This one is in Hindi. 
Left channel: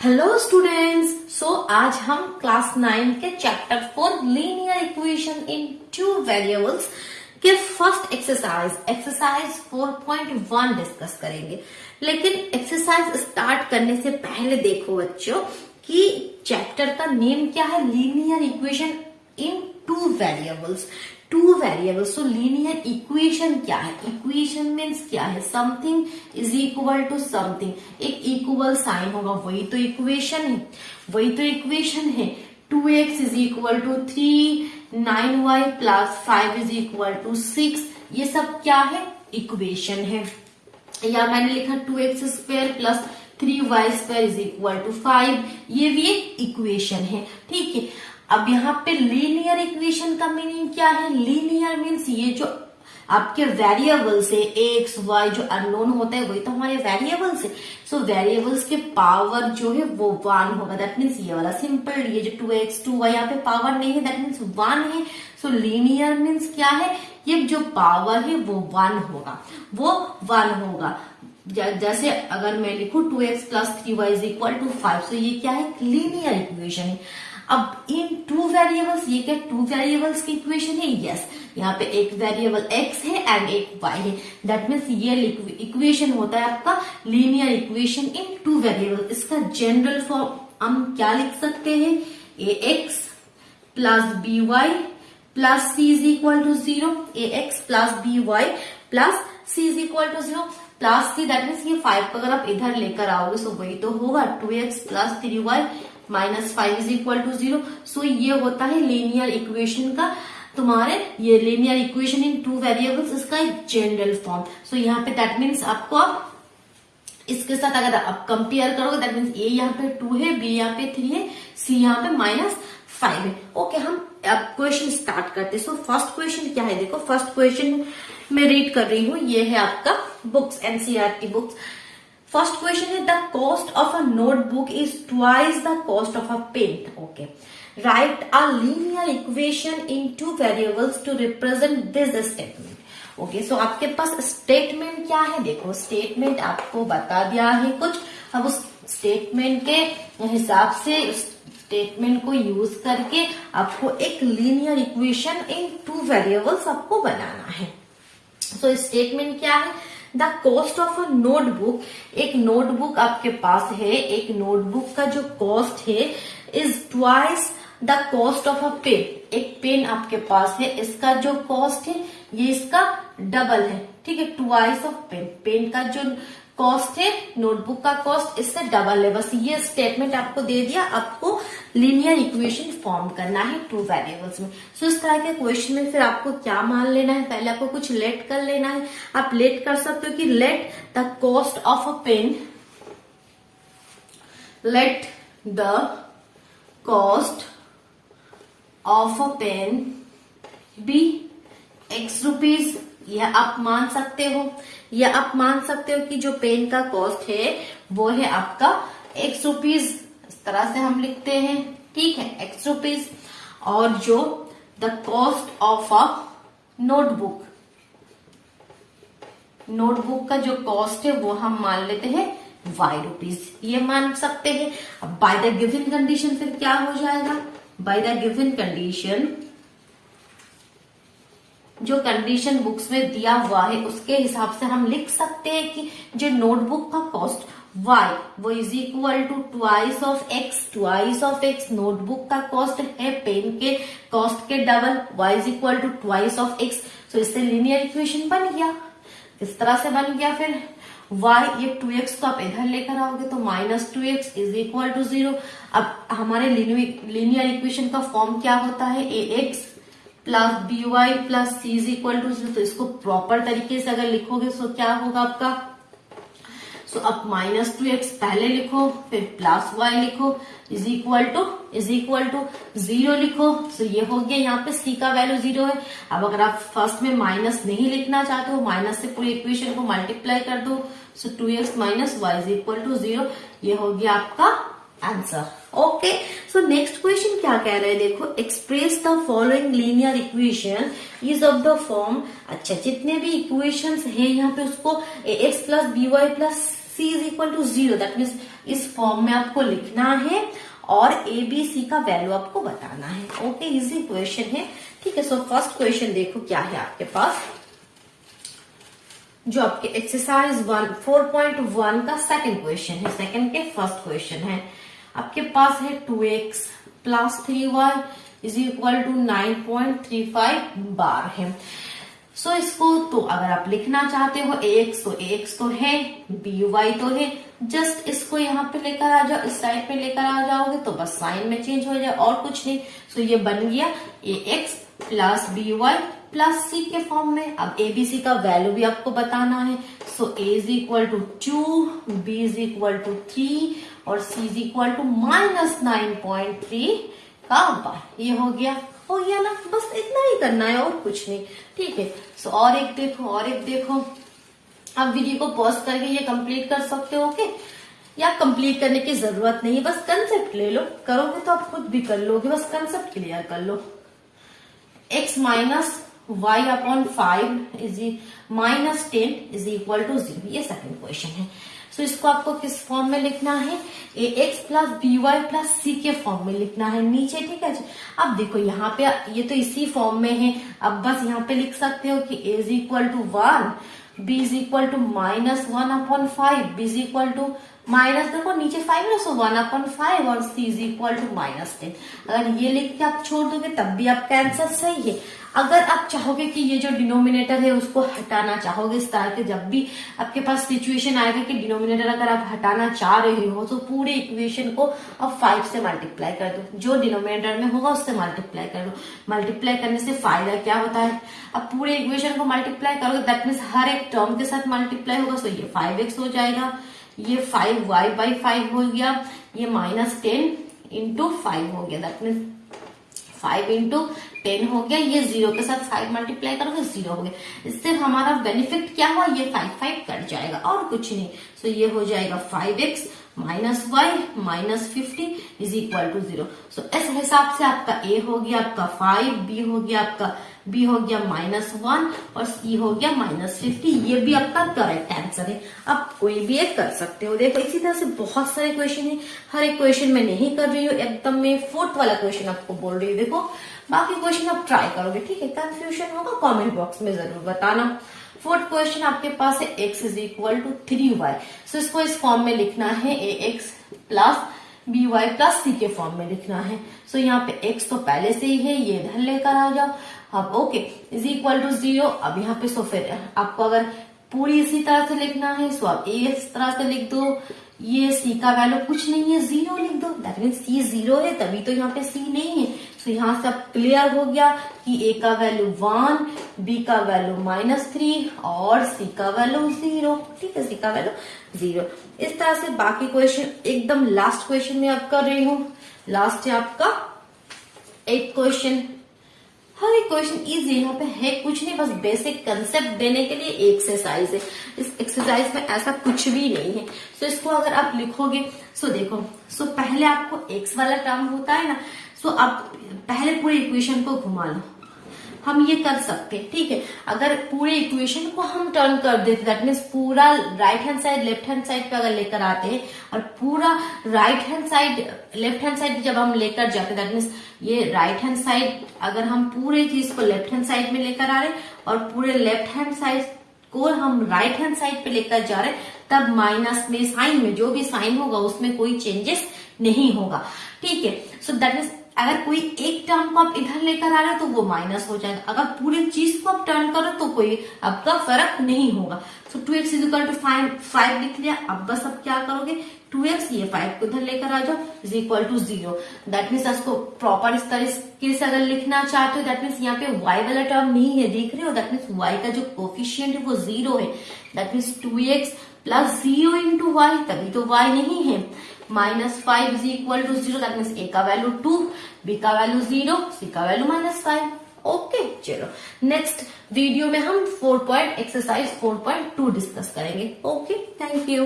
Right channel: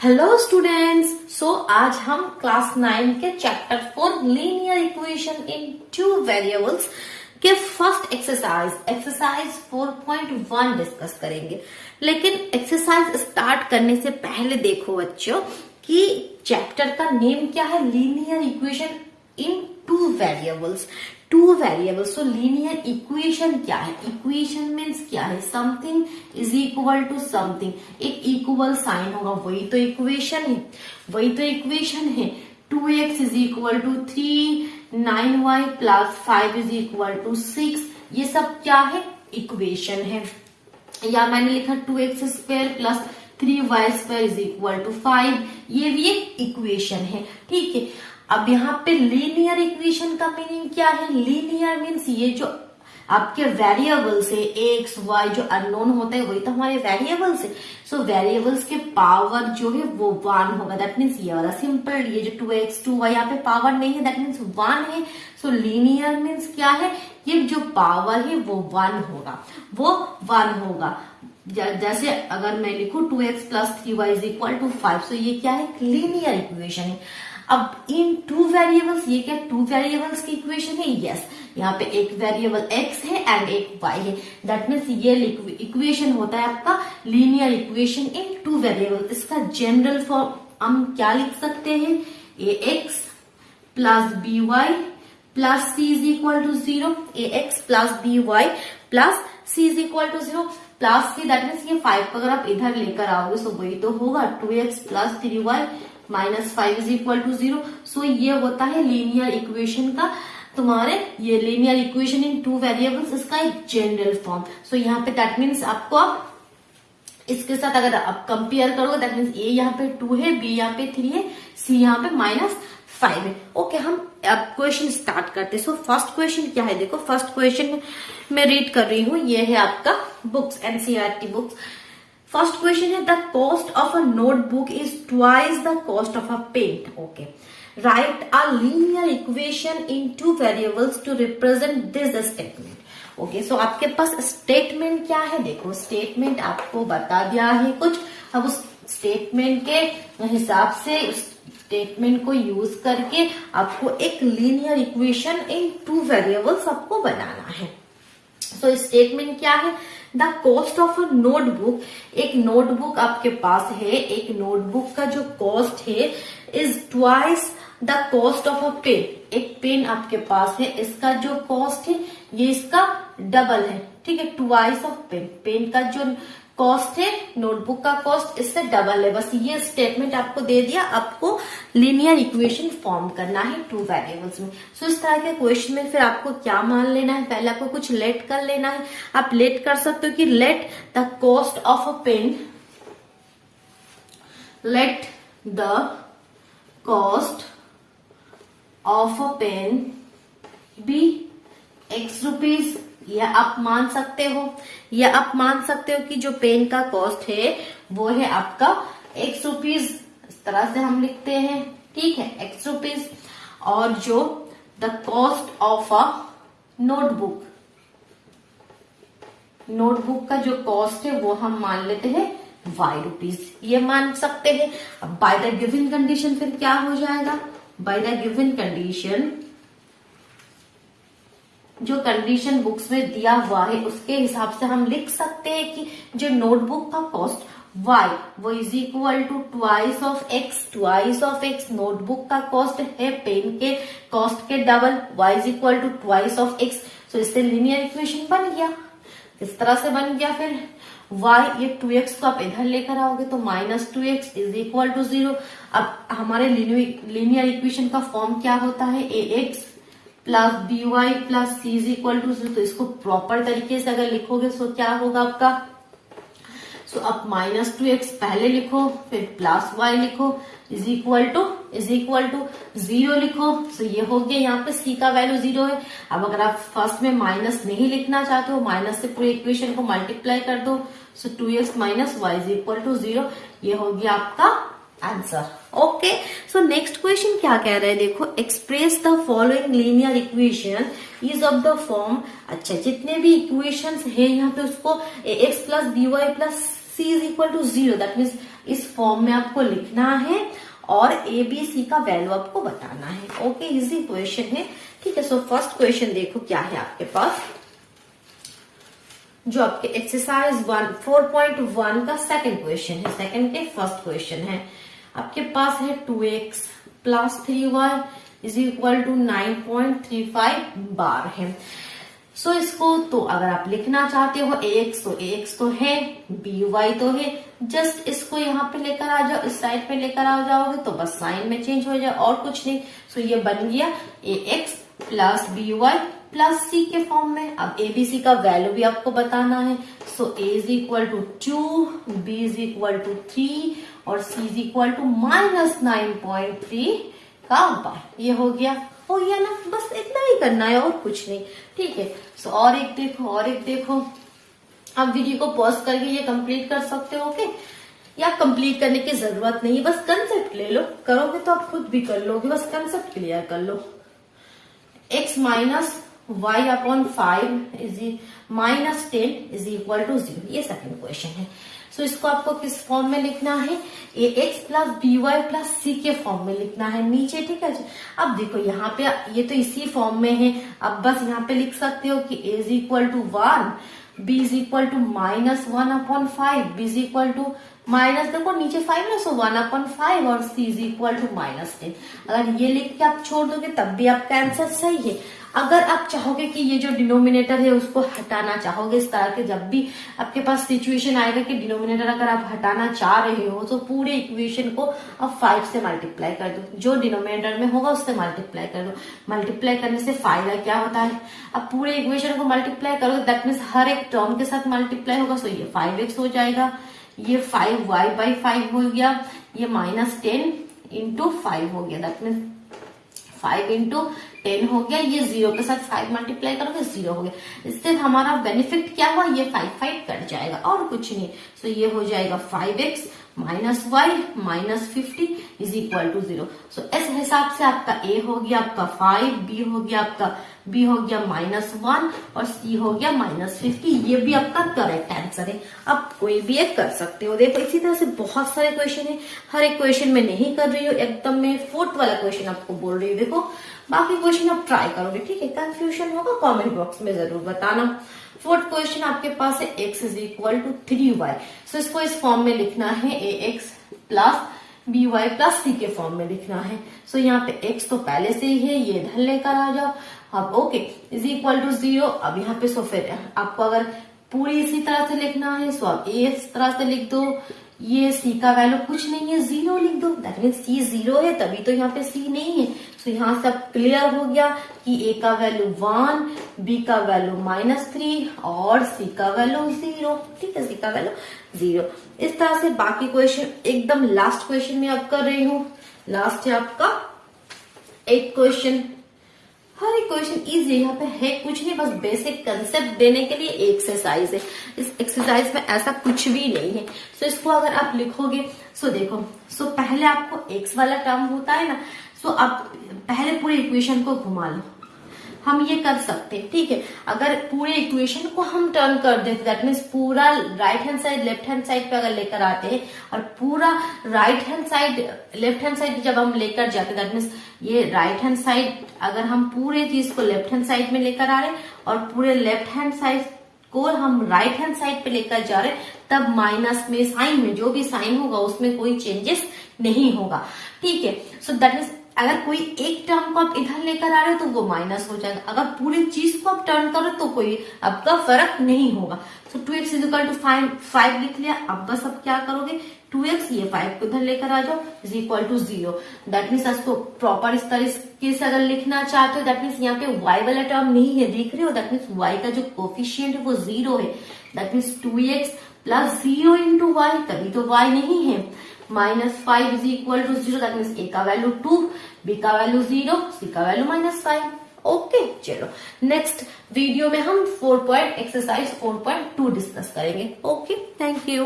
हेलो स्टूडेंट्स, सो आज हम क्लास 9 के chapter 4 linear equation in two variables के फर्स्ट एक्सरसाइज 4.1 डिस्कस करेंगे। लेकिन एक्सरसाइज स्टार्ट करने से पहले देखो बच्चों कि चैप्टर का नेम क्या है, linear equation in two variables. So linear equation क्या है? इक्वेशन मीन्स क्या है? Something is equal to something, एक इक्वल साइन होगा, वही तो इक्वेशन है। 2x is equal to 3, 9y plus 5 is equal to 6, ये सब क्या है? इक्वेशन है। या मैंने लिखा 2x square plus 3y square is equal to 5, ये भी एक इक्वेशन है। ठीक है, अब यहाँ पे लीनियर इक्वेशन का मीनिंग क्या है? लीनियर मीन्स ये जो आपके वेरिएबल्स है एक्स वाई, जो अननोन होता है वही तो हमारे वेरिएबल्स है। सो वेरिएबल्स के पावर जो है वो 1 होगा। दैट मीन्स ये वाला सिंपल, ये जो 2x 2y यहाँ पे पावर नहीं है, दैट मीन्स 1 है। सो लीनियर मीन्स क्या है? ये जो पावर है वो 1 होगा। जैसे अगर मैं लिखूं 2x plus 3y is equal to 5, so ये क्या है? लीनियर इक्वेशन है। अब इन टू वेरिएबल्स, ये क्या टू वेरिएबल्स की इक्वेशन है? यस, यहाँ पे एक वेरिएबल x है एंड एक y है। दैट मीन्स ये इक्वेशन होता है आपका linear equation in two variable. इसका जनरल फॉर्म हम क्या लिख सकते हैं? ax plus by plus c is equal to 0। ax plus by plus c is equal to 0 plus c, that means ये 5 को अगर आप इधर लेकर आओगे सो वही तो होगा 2x plus 3y minus 5 is equal to 0। So ये होता है लीनियर इक्वेशन का तुम्हारे, ये linear equation in two variables, इसका जनरल फॉर्म। सो यहाँ पे दैट मीन्स आपको इसके साथ अगर आप कंपेयर करोगे, दैट मीन्स ए यहाँ पे 2 है, बी यहाँ पे 3 है, सी यहाँ पे माइनस 5 है। ओके, हम अब क्वेश्चन स्टार्ट करते हैं। सो फर्स्ट क्वेश्चन क्या है? देखो फर्स्ट क्वेश्चन मैं रीड कर रही हूँ, ये है आपका books, NCERT books. First question है the cost of a notebook is twice the cost of a pen. Okay, write a linear equation in two variables to represent this statement. Okay, so आपके पास स्टेटमेंट क्या है? देखो स्टेटमेंट आपको बता दिया है कुछ, अब उस स्टेटमेंट के हिसाब से स्टेटमेंट को यूज करके आपको एक linear equation in two variables आपको बनाना है। सो स्टेटमेंट क्या है? The cost of a notebook, एक नोटबुक आपके पास है, एक नोटबुक का जो कॉस्ट है is twice the cost of a pen. एक पेन आपके पास है, इसका जो कॉस्ट है ये इसका डबल है। ठीक है, ट्वाइस ऑफ पेन, पेन का जो कॉस्ट है नोटबुक का कॉस्ट इससे डबल है। बस ये स्टेटमेंट आपको दे दिया, आपको लीनियर इक्वेशन फॉर्म करना है टू वेरिएबल्स में। सो इस तरह के क्वेश्चन में फिर आपको क्या मान लेना है? पहले आपको कुछ लेट कर लेना है। आप लेट कर सकते हो कि let the cost of a pen, let the cost of a pen be x rupees, या आप मान सकते हो कि जो पेन का कॉस्ट है वो है आपका x रुपीज, इस तरह से हम लिखते हैं। ठीक है, x रुपीज। और जो the cost of a notebook, notebook का जो कॉस्ट है वो हम मान लेते हैं y रुपीज, ये मान सकते हैं। अब बाय द गिवन कंडीशन फिर क्या हो जाएगा? बाय द गिवन कंडीशन, जो कंडीशन बुक्स में दिया हुआ है उसके हिसाब से हम लिख सकते हैं कि जो नोटबुक का कॉस्ट y वो is equal to twice of x। Notebook का कॉस्ट है पेन के कॉस्ट के double, y is equal to twice of x। So इससे लीनियर इक्वेशन बन गया, इस तरह से बन गया। फिर y, ये 2x को आप इधर लेकर आओगे तो minus 2x is equal to 0। अब हमारे लीनियर इक्वेशन का फॉर्म क्या होता है? ax plus by plus c is equal to 0। तो इसको प्रॉपर तरीके से अगर लिखोगे तो क्या होगा आपका? सो अब माइनस 2x पहले लिखो, फिर प्लस y लिखो, इज इक्वल टू 0 लिखो। सो ये हो गया, यहाँ पे c का वैल्यू 0 है। अब अगर आप फर्स्ट में माइनस नहीं लिखना चाहते हो, माइनस से पूरी इक्वेशन को मल्टीप्लाई कर दो। So 2x minus y is equal to 0, ये हो गया आपका answer. Okay, so next question क्या कह रहे हैं, देखो express the following linear equation is of the form. अच्छा, जितने भी इक्वेशंस है यहाँ पे उसको x plus b y plus c is equal to 0, that means इस फॉर्म में आपको लिखना है और ए बी सी का वैल्यू आपको बताना है। ओके, इजी क्वेश्चन है, ठीक है। सो फर्स्ट क्वेश्चन देखो क्या है आपके पास, जो आपके एक्सरसाइज 4.1 का सेकंड क्वेश्चन है, सेकंड के फर्स्ट क्वेश्चन है। आपके पास है 2x plus 3y is equal to 9.35 बार है। सो इसको तो अगर आप लिखना चाहते हो ax तो है, by तो है, जस्ट इसको यहाँ पे लेकर आ जाओ, इस साइड पे लेकर आ जाओगे तो बस साइन में चेंज हो जाए और कुछ नहीं। सो ये बन गया ax प्लस by प्लस सी के फॉर्म में। अब एबीसी का वैल्यू भी आपको बताना है। So A is equal to 2, B is equal to 3 और सी इज इक्वल टू -9.3 का बार। ये हो गया ना, बस इतना ही करना है और कुछ नहीं, ठीक है। सो और एक देखो, अब वीडियो को पॉज करके ये कंप्लीट कर सकते हो, ओके। या कंप्लीट करने की जरूरत नहीं, बस कंसेप्ट ले लो, करोगे तो आप खुद भी कर लोगे, बस कंसेप्ट क्लियर कर लो। x minus y upon 5 is -10 is equal to 0, ये सेकंड क्वेश्चन है। सो इसको आपको किस फॉर्म में लिखना है, ax plus by plus c के फॉर्म में लिखना है नीचे, ठीक है। अब देखो यहाँ पे ये तो इसी फॉर्म में है, अब बस यहाँ पे लिख सकते हो कि a is equal to 1, b is equal to -1 upon 5, b is equal to minus, देखो नीचे 5 है, सो 1/5 और c इज इक्वल टू -10। अगर ये लिख के आप छोड़ दोगे तब भी आपका आंसर सही है। अगर आप चाहोगे कि ये जो डिनोमिनेटर है उसको हटाना चाहोगे, इस तरह के जब भी आपके पास सिचुएशन आएगा कि डिनोमिनेटर अगर आप हटाना चाह रहे हो तो पूरे इक्वेशन को अब 5 से मल्टीप्लाई कर दो, जो डिनोमिनेटर में होगा उससे मल्टीप्लाई कर दो। मल्टीप्लाई करने से फायदा क्या होता है, अब पूरे इक्वेशन को मल्टीप्लाई करोगे दैट मीन्स हर एक टर्म के साथ मल्टीप्लाई होगा। सो ये 5x हो जाएगा, ये 5y/5 हो गया, ये -10 इंटू 5 हो गया, दैट मीन्स 5 इंटू 10 हो गया, ये 0 के साथ 5 मल्टीप्लाई करोगे 0 हो गया। इससे हमारा बेनिफिट क्या हुआ, ये 5 कट जाएगा और कुछ नहीं। सो ये हो जाएगा 5x minus y minus 50 is equal to 0। So इस हिसाब से आपका a हो गया आपका 5, b हो गया -1 और c हो गया -50। ये भी आपका करेक्ट आंसर है। आप कोई भी एक कर सकते हो। देखो इसी तरह से बहुत सारे क्वेश्चन है, हर एक क्वेश्चन में नहीं कर रही हूँ, एकदम मैं 4th वाला क्वेश्चन आपको बोल रही हूँ। देखो बाकी क्वेश्चन आप ट्राई करोगे, ठीक है। कंफ्यूजन होगा कमेंट बॉक्स में जरूर बताना। 4th क्वेश्चन आपके पास है x is equal to 3y। So इसको इस फॉर्म में लिखना है, ax plus by plus c के फॉर्म में लिखना है। सो यहाँ पे x तो पहले से ही है, ये इधर लेकर आ जाओ। अब ओके इज इक्वल टू 0। अब यहाँ पे सो फिर आपको अगर पूरी इसी तरह से लिखना है, सो आप a इस तरह से लिख दो, ये c का वैल्यू कुछ नहीं है 0 लिख दो, दैट मीन c 0 है, तभी तो यहाँ पे c नहीं है। तो यहाँ से अब क्लियर हो गया कि a का वैल्यू 1, b का वैल्यू -3 और c का वैल्यू 0, ठीक है, c का वैल्यू 0। इस तरह से बाकी क्वेश्चन एकदम लास्ट क्वेश्चन में अब कर रही हूँ। लास्ट है आपका 8th क्वेश्चन। हर एक क्वेश्चन इजी यहाँ पे है, कुछ नहीं, बस बेसिक कंसेप्ट देने के लिए एक्सरसाइज है। इस एक्सरसाइज में ऐसा कुछ भी नहीं है। सो इसको अगर आप लिखोगे, सो देखो, सो पहले आपको x वाला टर्म होता है ना, सो आप पहले पूरे इक्वेशन को घुमा लो। हम ये कर सकते हैं, ठीक है। अगर पूरे इक्वेशन को हम टर्न कर देते, दैट मीन्स पूरा right hand side left hand side पे अगर लेकर आते हैं और पूरा right hand side left hand side जब हम लेकर जाते, दैट मीन्स ये राइट हैंड साइड अगर हम पूरे चीज को लेफ्ट हैंड साइड में लेकर आ रहे हैं और पूरे लेफ्ट हैंड साइड को हम राइट हैंड साइड पे लेकर जा रहे हैं, तब माइनस में साइन में जो भी साइन होगा उसमें कोई चेंजेस नहीं होगा, ठीक है। सो दैट मीन्स अगर कोई एक टर्म को आप इधर लेकर आ रहे हो तो वो माइनस हो जाएगा, अगर पूरी चीज को आप टर्न करो तो कोई आपका फर्क नहीं होगा। सो 2x इज इक्वल टू 5 लिख लिया। अब बस अब क्या करोगे, 2x ये 5 को इधर लेकर आ जाओ is equal to 0। That means इसको प्रॉपर इस तरीके से अगर लिखना चाहते हो, दैट मीन्स यहाँ पे y वाला टर्म नहीं है, देख रहे हो, दैट मीन्स y का जो कोफिशियंट है वो 0 है। That means 2x plus 0 into y, तभी तो y नहीं है। -5 is equal to 0, that means a का वैल्यू 2, b का वैल्यू 0, c का वैल्यू -5। ओके, चलो नेक्स्ट वीडियो में हम एक्सरसाइज 4.2 डिस्कस करेंगे। Okay, thank you.